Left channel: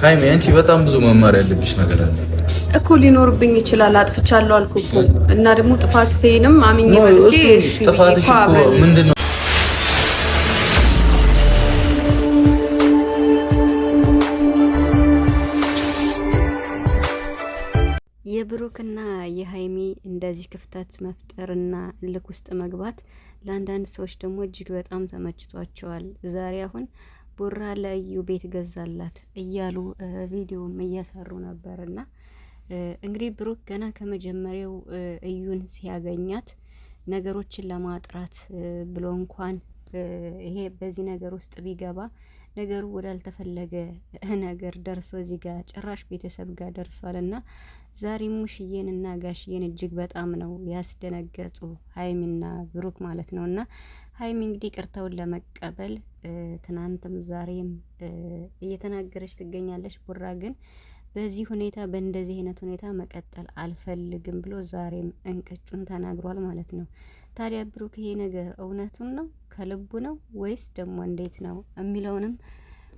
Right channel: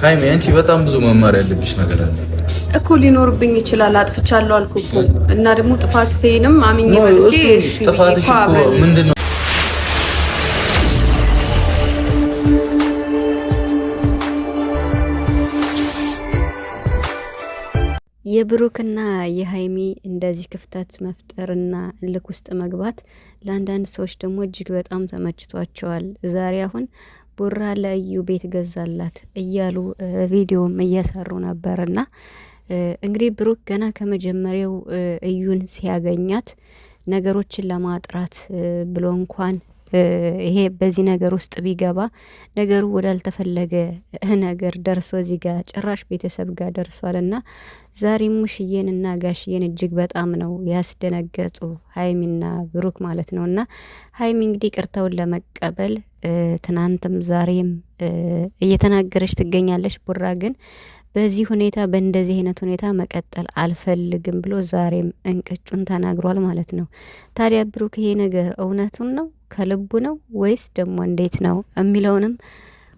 ሃይሚ አንቺ በጣም ብዙ መማር ያለብሽ ነገር አለ እኮ ሊኖርብኝ ይችላል። አጥፍቻለሁ አልኩ እኮ እና ደግሞ ጥፋቴንም አምኜ መልጬ እሺ ጥፋትሽ እኮ ምንድነው? የብሩክና የሃይሚ እንደዚህ ክፍተት መፍጠርና ልክ ውስጥ መግባት ለአንዳንድ ሰዎች ደግሞ እጅግ በጣም ተመችቷቸዋል። ዛሬ አሁን ቡራ ለእዩ ቤት ገዛላት እያሉ ቪዲዮም እየሰሩ ነበርና እንግዲህ ብሩክ ገና ከመጀመሪያው እዩን ሲያገኛት ነገሮችን ለማጥራት ብሎ እንኳን ይሄ በዚህ ነገር ውስጥ ቢገባ ነገሩ ወዳልተፈለገ ነገር ደርሶ እዚህ ጋር ጭራሽ ቤተሰብ ጋር ደርሷልና ዛሬ ሙሽዬንና ጋሽዬን እጅግ በጣም ነው ያስደነገጡ ሃይሚና ብሩክ ማለት ነውና ሃይሚ እንግዲህ ቅርታውን ለመቀበል ትናንትም ዛሬም እየተናገረች ትገኛለች። ቡራ ግን በዚህ ሁኔታ በእንደዚህ አይነት ሁኔታ መቀጠል አልፈልግም ብሎ ዛሬም እንቅጩን ተናግሯል ማለት ነው። ታዲያ ብሩክ ይሄ ነገር እውነቱን ነው ከልቡ ነው ወይስ ደግሞ እንዴት ነው የሚለውንም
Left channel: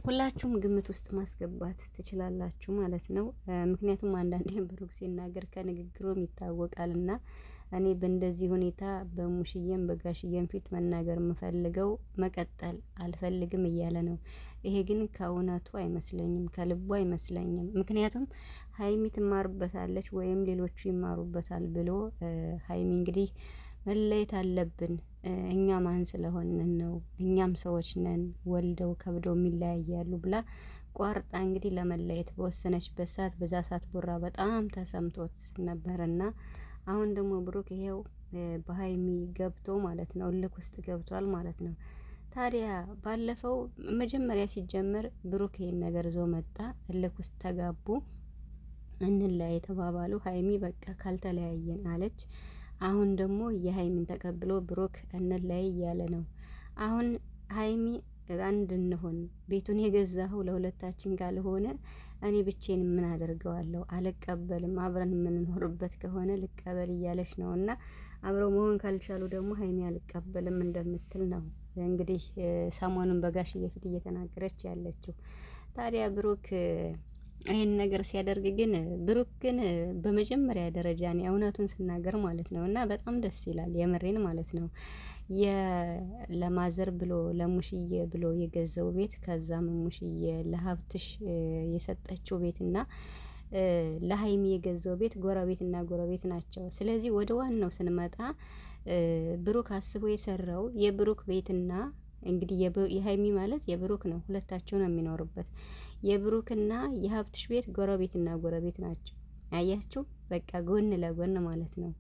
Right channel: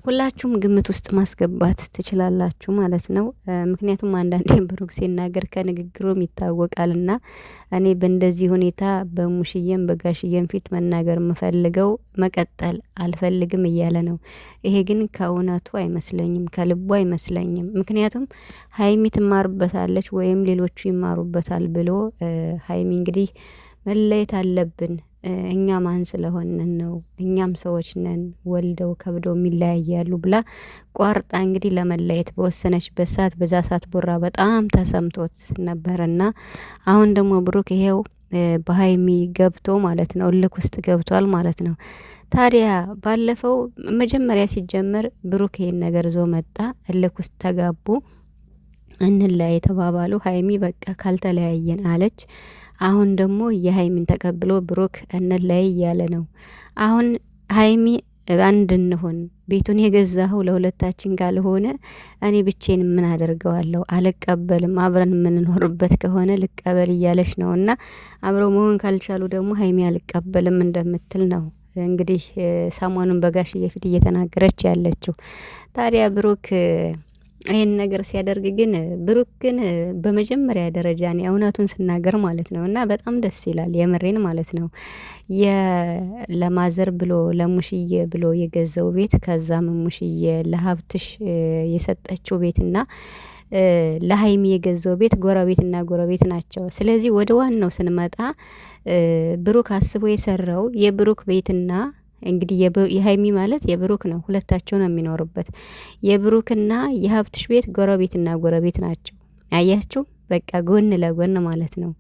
ሁላችሁም ግምት ውስጥ ማስገባት ትችላላችሁ ማለት ነው። ምክንያቱም አንዳንዴ ብሩክ ሲናገር ከንግግሩም ይታወቃልና እኔ በእንደዚህ ሁኔታ በሙሽዬም በጋሽዬም ፊት መናገር የምፈልገው መቀጠል አልፈልግም እያለ ነው። ይሄ ግን ከእውነቱ አይመስለኝም፣ ከልቡ አይመስለኝም። ምክንያቱም ሃይሚ ትማርበታለች ወይም ሌሎቹ ይማሩበታል ብሎ ሃይሚ እንግዲህ መለየት አለብን እኛ ማን ስለሆንን ነው እኛም ሰዎች ነን ወልደው ከብደው የሚለያያሉ ብላ ቋርጣ እንግዲህ ለመለየት በወሰነችበት ሰዓት በዛ ሰዓት ቡራ በጣም ተሰምቶት ነበርና አሁን ደግሞ ብሩክ ይሄው በሃይሚ ገብቶ ማለት ነው እልክ ውስጥ ገብቷል ማለት ነው። ታዲያ ባለፈው መጀመሪያ ሲጀመር ብሩክ ይሄን ነገር ዞ መጣ፣ እልክ ውስጥ ተጋቡ፣ እንለያይ ተባባሉ። ሃይሚ በቃ ካልተለያየን አለች። አሁን ደግሞ የሃይሚን ተቀብሎ ብሩክ እንለያይ እያለ ነው። አሁን ሃይሚ አንድ እንሆን ቤቱን የገዛኸው ለሁለታችን ካልሆነ እኔ ብቼን ምን አደርገዋለሁ? አልቀበልም፣ አብረን የምንኖርበት ከሆነ ልቀበል እያለች ነው። እና አብረው መሆን ካልቻሉ ደግሞ ሃይሚ አልቀበልም እንደምትል ነው እንግዲህ ሰሞኑን በጋሽዬ ፊት እየተናገረች ያለችው። ታዲያ ብሩክ ይሄን ነገር ሲያደርግ ግን ብሩክ ግን በመጀመሪያ ደረጃ ነው እውነቱን ስናገር ማለት ነው እና በጣም ደስ ይላል የምሬን ማለት ነው። ለማዘር ብሎ ለሙሽዬ ብሎ የገዛው ቤት ከዛም ሙሽዬ ለሀብትሽ የሰጠችው ቤትና ለሃይሚ የገዛው ቤት ጎረቤትና ጎረቤት ናቸው። ስለዚህ ወደ ዋናው ስንመጣ ብሩክ አስቦ የሰራው የብሩክ ቤትና እንግዲህ የሃይሚ ማለት የብሩክ ነው፣ ሁለታቸው ነው የሚኖሩበት። የብሩክና የሀብትሽ ቤት ጎረቤትና ጎረቤት ናቸው። አያችሁ በቃ ጎን ለጎን ማለት ነው።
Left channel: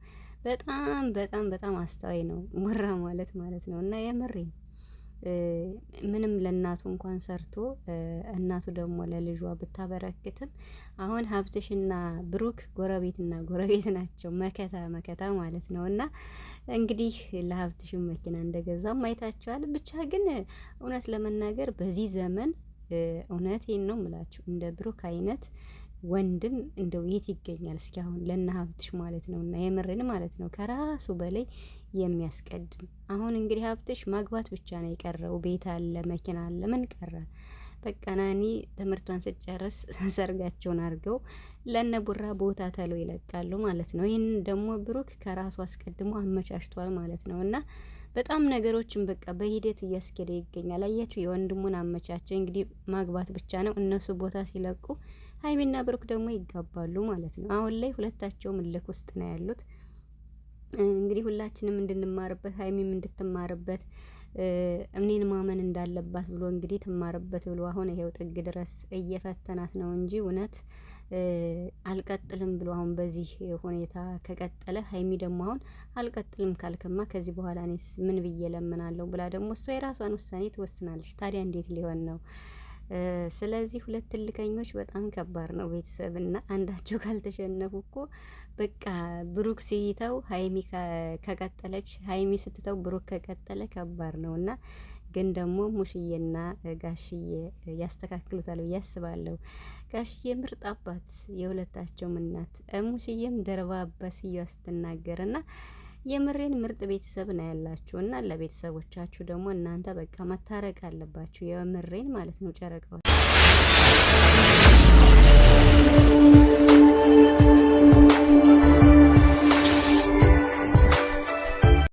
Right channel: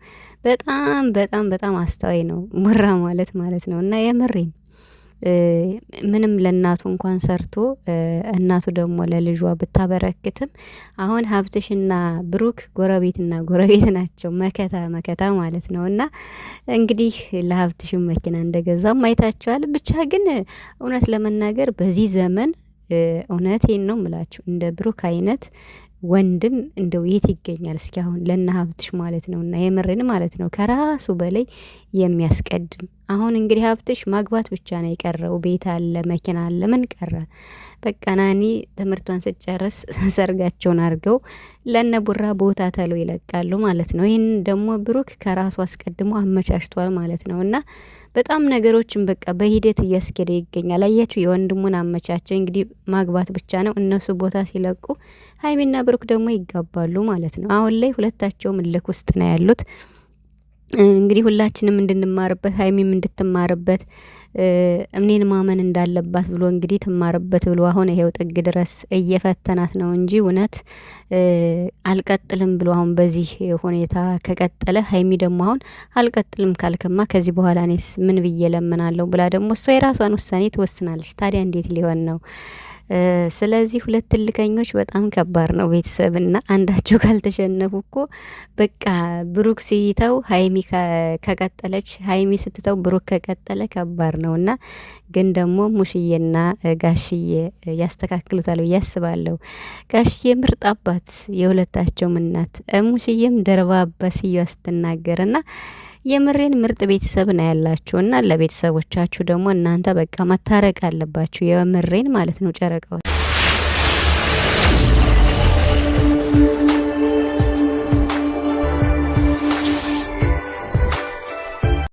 በጣም በጣም በጣም አስተዋይ ነው ቡራ ማለት ነው። እና የምሬን ምንም ለእናቱ እንኳን ሰርቶ እናቱ ደግሞ ለልጇ ብታበረክትም አሁን ሀብትሽና ብሩክ ጎረቤትና ጎረቤት ናቸው፣ መከታ መከታ ማለት ነው። እና እንግዲህ ለሀብትሽም መኪና እንደገዛም አይታችኋል። ብቻ ግን እውነት ለመናገር በዚህ ዘመን እውነቴን ነው ምላችሁ እንደ ብሩክ አይነት ወንድም እንደው የት ይገኛል? እስኪ አሁን ለእነ ሀብትሽ ማለት ነው እና የምርን ማለት ነው ከራሱ በላይ የሚያስቀድም። አሁን እንግዲህ ሀብትሽ ማግባት ብቻ ነው የቀረው። ቤት አለ፣ መኪና አለ፣ ምን ቀረ? በቃ ናኒ ትምህርቷን ስጨርስ ሰርጋቸውን አድርገው ለነ ቡራ ቦታ ተሎ ይለቃሉ ማለት ነው። ይህን ደግሞ ብሩክ ከራሱ አስቀድሞ አመቻችቷል ማለት ነው እና በጣም ነገሮችን በቃ በሂደት እያስኬደ ይገኛል። አያችሁ የወንድሙን አመቻቸ። እንግዲህ ማግባት ብቻ ነው። እነሱ ቦታ ሲለቁ ሃይሚና ብሩክ ደግሞ ይጋባሉ ማለት ነው። አሁን ላይ ሁለታቸውም እልክ ውስጥ ነው ያሉት። እንግዲህ ሁላችንም እንድንማርበት ሃይሚም እንድትማርበት እምኔን ማመን እንዳለባት ብሎ እንግዲህ ትማርበት ብሎ አሁን ይሄው ጥግ ድረስ እየፈተናት ነው እንጂ እውነት አልቀጥልም ብሎ አሁን በዚህ ሁኔታ ከቀጠለ ሃይሚ ደግሞ አሁን አልቀጥልም ካልከማ ከዚህ በኋላ እኔስ ምን ብዬ ለምናለሁ ብላ ደግሞ እሷ የራሷን ውሳኔ ትወስናለች። ታዲያ እንዴት ሊሆን ነው? ስለዚህ ሁለት ትልቀኞች በጣም ከባድ ነው ቤተሰብና አንዳቸው ካልተሸነፉ እኮ በቃ ብሩክ ሲተው ሃይሚ ከቀጠለች ሃይሚ ስትተው ብሩክ ከቀጠለ ከባድ ነውና ግን ደግሞ ሙሽዬና ጋሽዬ ያስተካክሉታል ብዬ አስባለሁ። ጋሽዬ ምርጥ አባት የሁለታቸውም እናት፣ ሙሽዬም ደርባባ ሲያ ስትናገርና የምሬን ምርጥ ቤተሰብ ነው ያላችሁና ለቤተሰቦቻችሁ ደግሞ እናንተ በቃ መታረቅ አለባችሁ። የምሬን ማለት ነው ጨረቃዎች